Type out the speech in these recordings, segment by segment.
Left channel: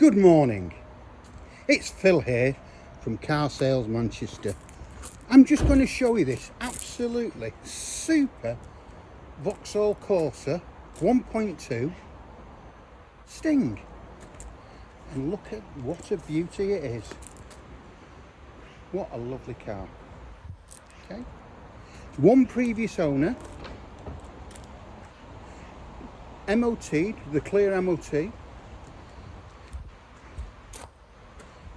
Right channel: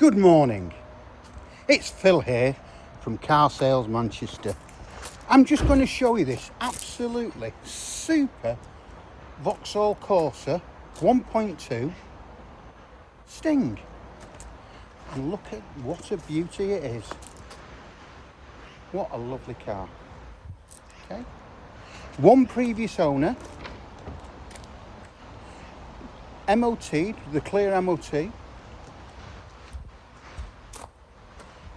Good morning, it's Phil here from Car Sales Manchester. I'm just going to show you this absolutely super Vauxhall Corsa 1.2 Sting, and look at what a beauty it is. What a lovely car. Okay, one previous owner, MOT, the clear MOT,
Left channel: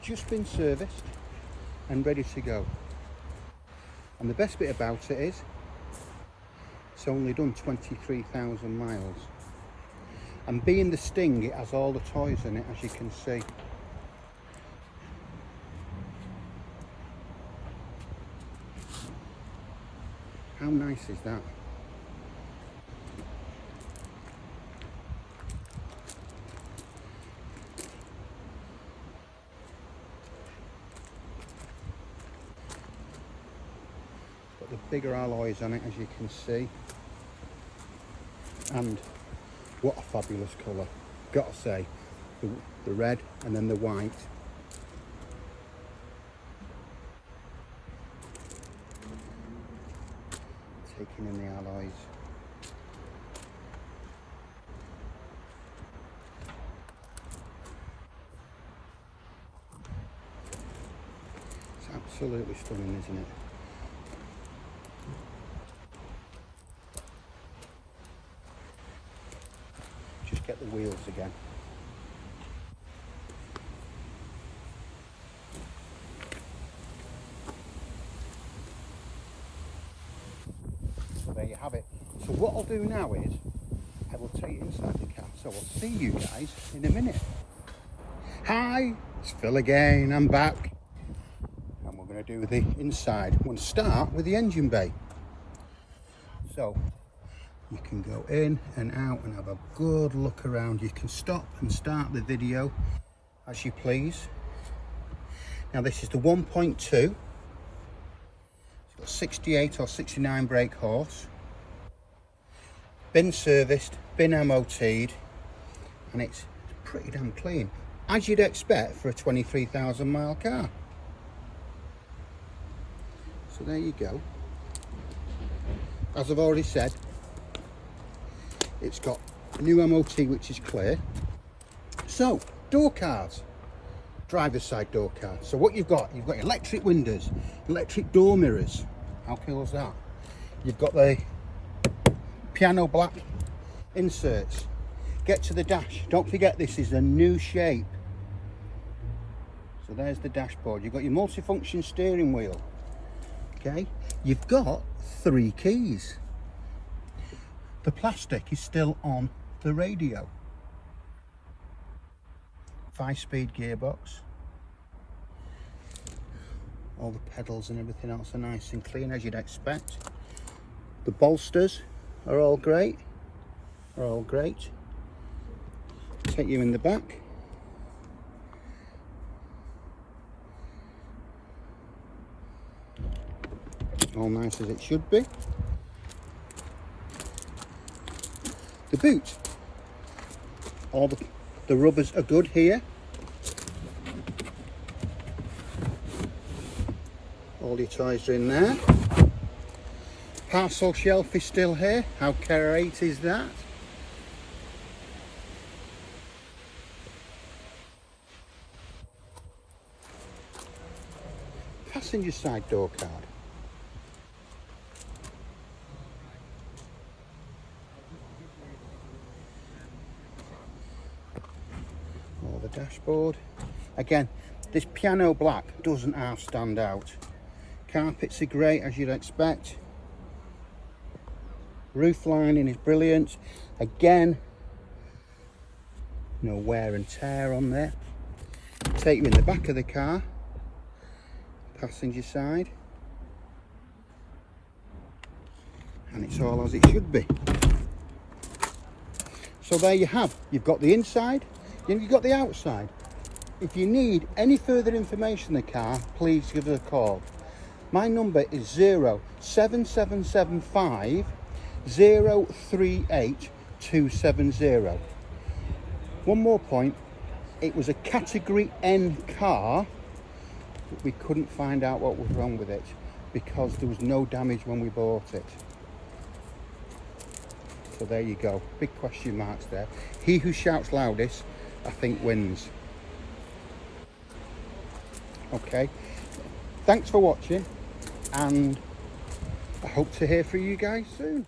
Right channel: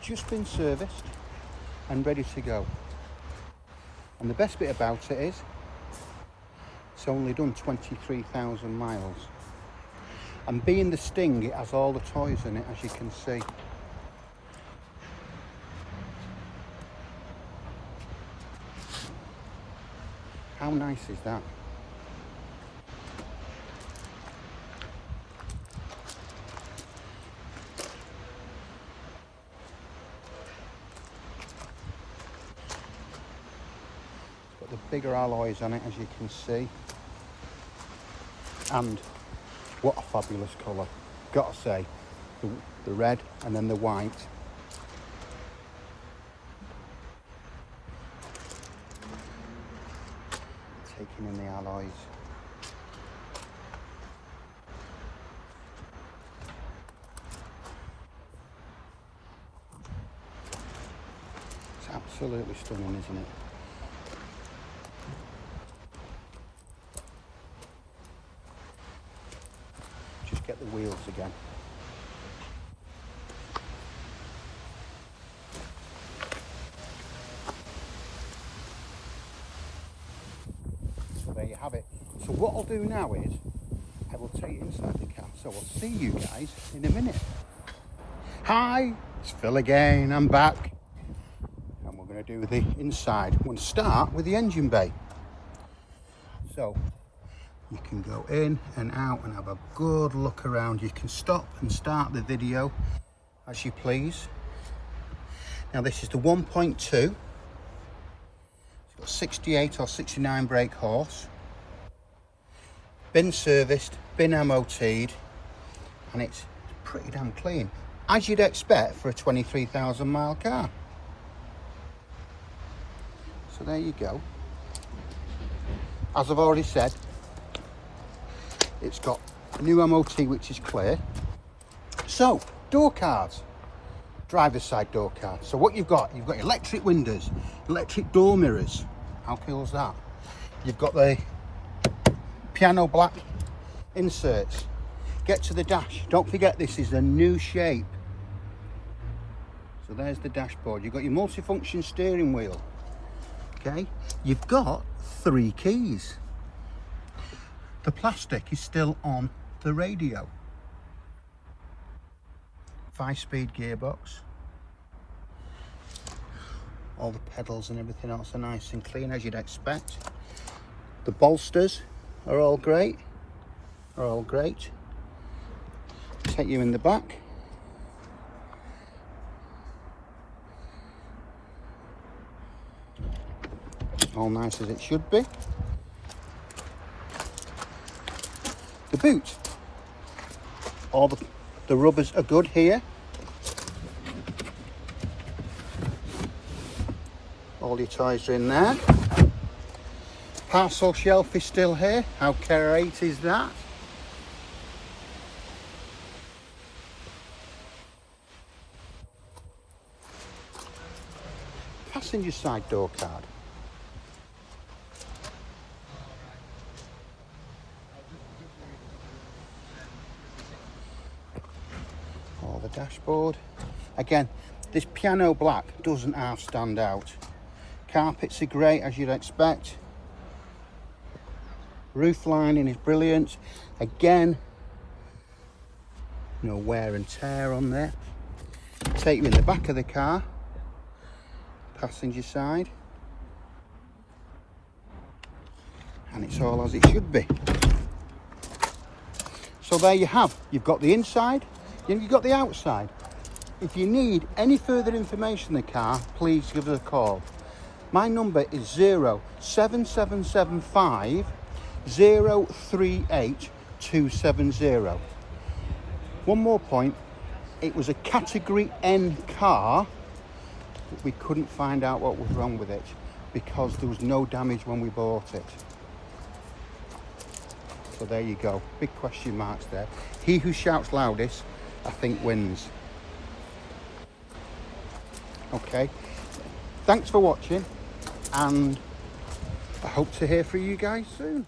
just been serviced and ready to go. And the best bit about it is it's only done 23,000 miles, and being the Sting, it has all the toys in it, as you can see. How nice is that? Got the bigger alloys on it, as you can see, and what a fabulous colour. Gotta say, the red and then the white. Taking in the alloys. It's absolutely stunning, isn't it? Just get the wheels again. So there you have it. So what I'll do now is I will take you inside the car. So I'll see you guys in a minute. Hi, it's Phil again. I'm back, and we're going to do the inside. I'm going to start with the engine bay. So you can go in and out and have a good look around. You can stop and start the video as you please. Now this is the 1.2. It's got 68 or 69 brake horse. Been serviced, been MOT'd, and it's pretty damn clean, as you'd expect for a 23,000 mile car. So there you go. As I've already said, it's got a new MOT which is clear. So, door cards, driver's side door cards. So what you've got electric windows, electric door mirrors. How cool is that? You've got the piano black inserts. Get to the dash. Don't forget, this is a new shape. So there's the dashboard. You've got your multifunction steering wheel. Okay, you've got 3 keys. The plastic is still on the radio. 5-speed gearbox. All the pedals and everything else are nice and clean, as you'd expect. The bolsters are all great. Take you in the back. All nice as it should be. The boot, all the rubbers are good here. All your toys are in there. Parcel shelf is still here. How great is that? Passenger side door card. The dashboard. Again, this piano black doesn't half stand out. Carpets are great, as you'd expect. Roof lining is brilliant. Again, no wear and tear on there. Take you in the back of the car, passenger side, and it's all as it should be. So there you have. You've got the inside, you've got the outside. If you need any further information on the car, please give us a call. My number is 07775 038 270. One more point, It was a category N car. We couldn't find out what was wrong with it because there was no damage when we bought it. So there you go, big question marks there. He who shouts loudest, I think, wins. Okay, thanks for watching, and I hope to hear from you guys soon.